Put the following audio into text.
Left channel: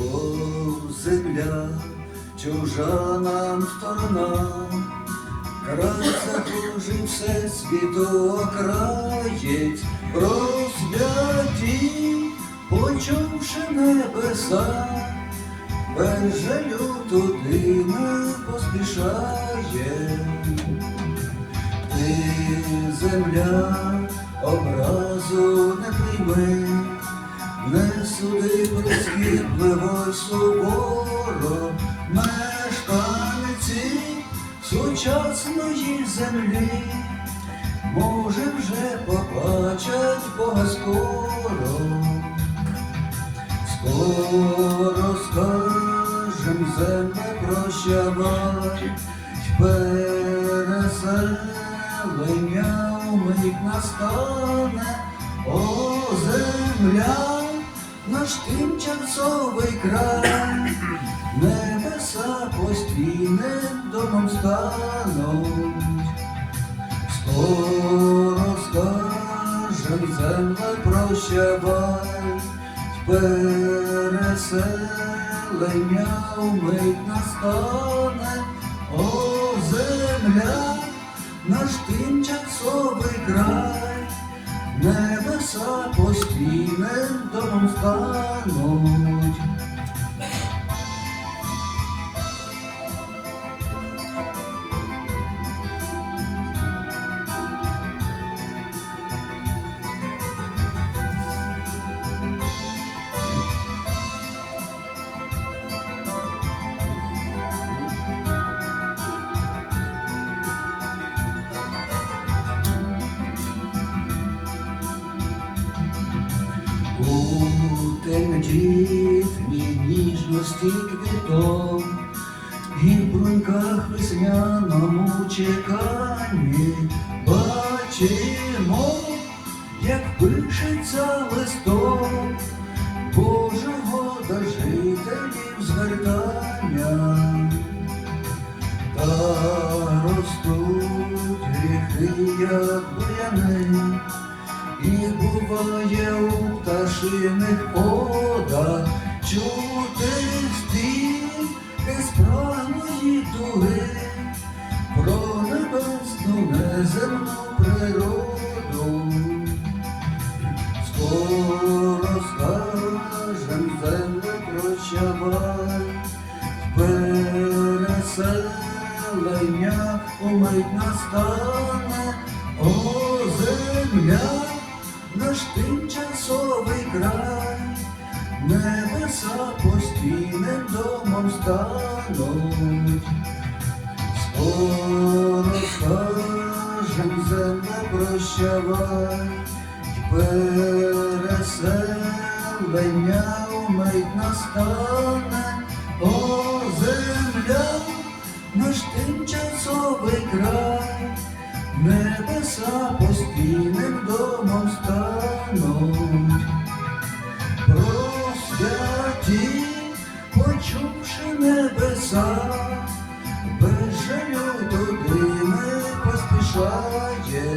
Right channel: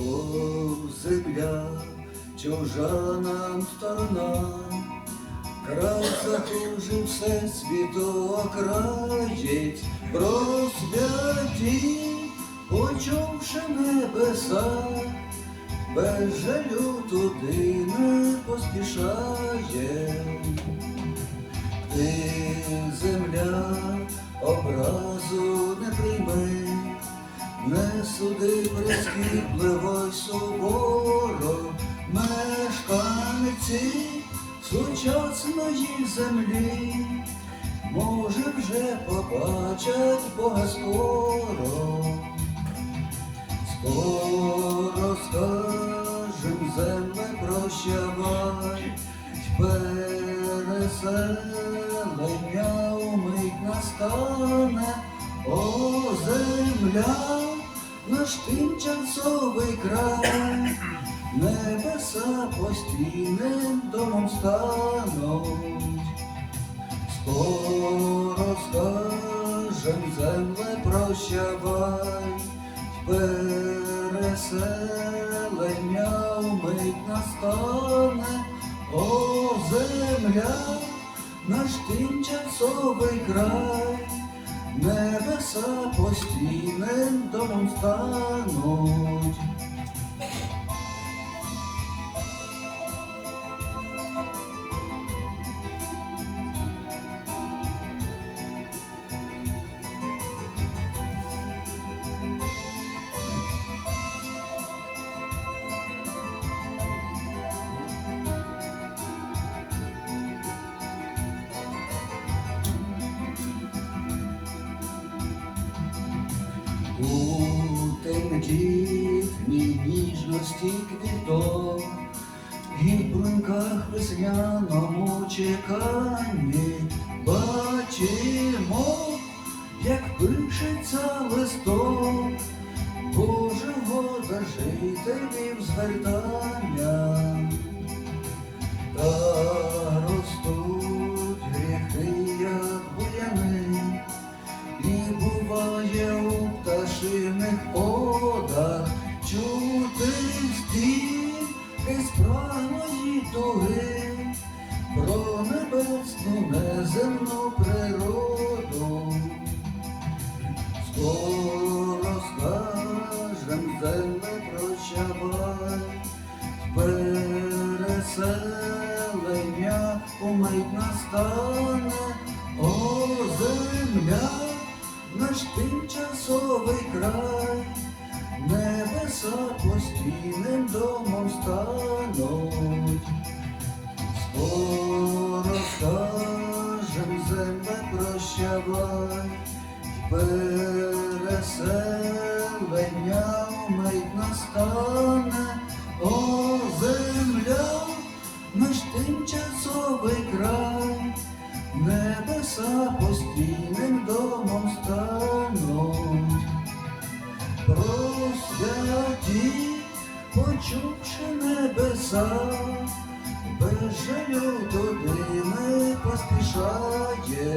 О, земля, чужа нам сторона, край захожий все світу окраєць, розп'яті, почувши небеса, без жалю туди не поспішає. Ти, земля, образу не прийми, не суди прискіпливо й сучасної землі, може вже побачать Бога скоро. Скоро скажем земле прощавай, переселення умить настане, о земля, наш тимчасовий край, небеса постійним домом стануть. Скоро скажем земле прощавай, переселення умить настане, о земля, наш тимчасовий край, небеса постійним домом стануть. У тендітній ніжності квіток. І в бруньках весняному чеканні бачимо, неземну природу. Скоро скажем землю прощавай, переселення умить настане, о земля, наш тимчасовий край, небеса постійним домом стануть. Умить о земля, наш тимчасовий край, небеса постійним домом стануть. Просвяті, почувши небеса, без жалю туди не поспішає.